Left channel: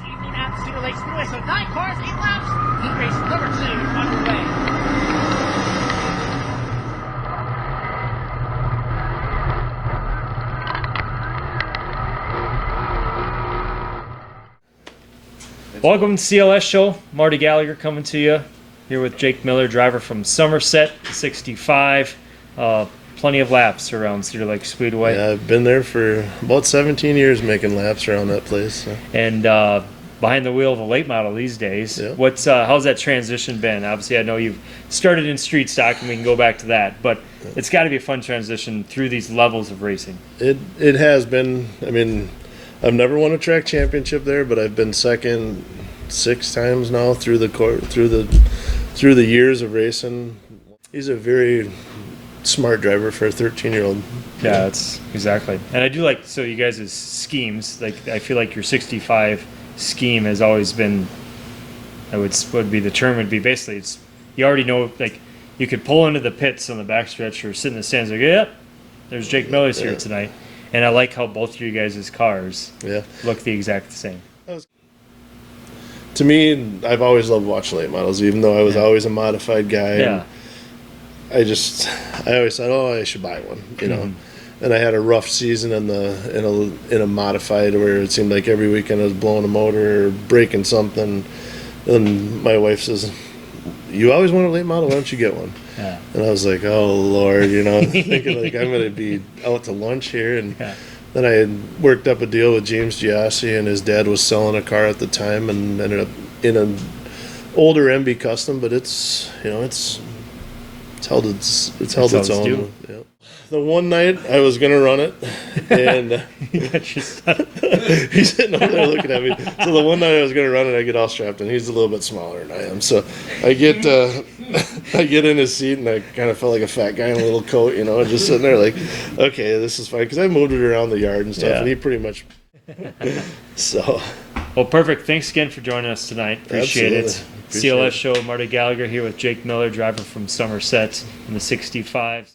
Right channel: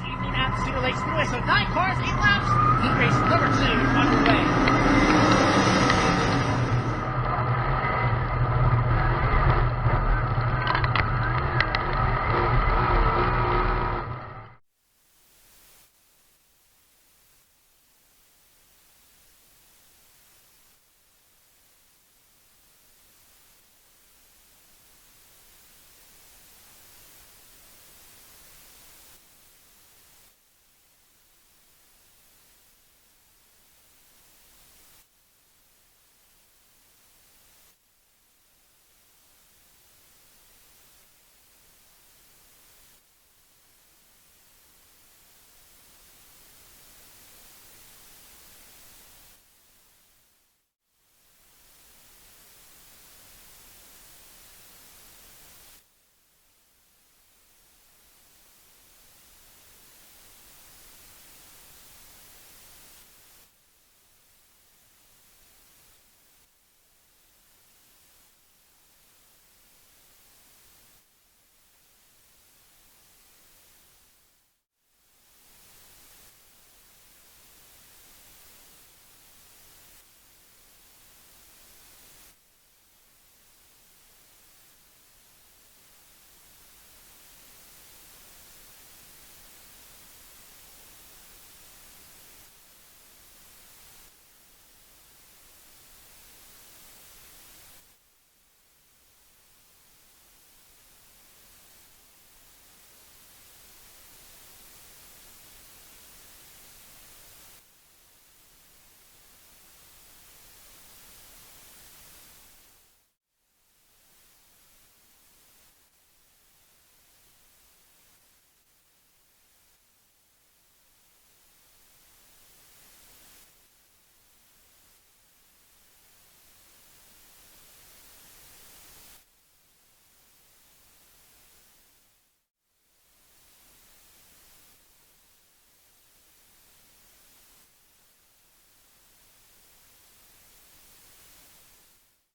Evening at Cedar Lake Speedway. So 9 cars, 8 laps. Heat race number 2 underway. Welcome to CLS Show. Marty Gallagher coming to you here with Jake Miller, driver from Somerset, 65. Plenty of laps around Cedar Lake Speedway. Yeah, I've been there for about 17 years making laps around that place. So. And behind the wheel of a late model these days. Yeah. How's that transition been? Obviously, I know you've started in street stock, and we can go back to that. But it's got to be a fun transition through these levels of racing. It has been. I mean, I've never won a track championship there, but I've been second 6 times now through the years of racing. He's a very smart driver for a 13-year-old. Yeah, that's exactly. And I do like, so you guys' schemes, like I feel like your 65 scheme has always been, would be the term would be basically, it's, you already know, like you could pull into the pits on the backstretch or sit in the stands like, yeah, there's Jake Miller's here tonight. And I like how both of you guys' cars look the exact same. To me, I've always loved watching late models, even though I was always a modified guy. Yeah. I always thought, oh, I should buy one, you know. And I had a rough season in a modified where it seemed like every weekend I was blowing a motor or breaking something. And my wife says, "You always want a late model, why don't you get one?" Yeah. And I was like, "Oh Lord," you know, thinking like I'm gonna be out to lunch here. And then I had worked up a deal with James Giassi, and his dad was selling a car at the time, and ended up in an older MB Custom, but it's held its own. Yeah. The one night I was gonna run it, and he's sitting over there looking at me. So the one night I was gonna run it, I get all strapped in. He's a little bit smaller than I am, so I get in his seat, and I kind of felt like a fat guy in a little coat, you know, and just sitting there like, okay, this is fine, because I moved it around the yard and stuff, and he pretty much. So. Well, perfect. Thanks again for joining us tonight. Appreciate it. CLS Show, Marty Gallagher here with Jake Miller, driver from Somerset in the 65s.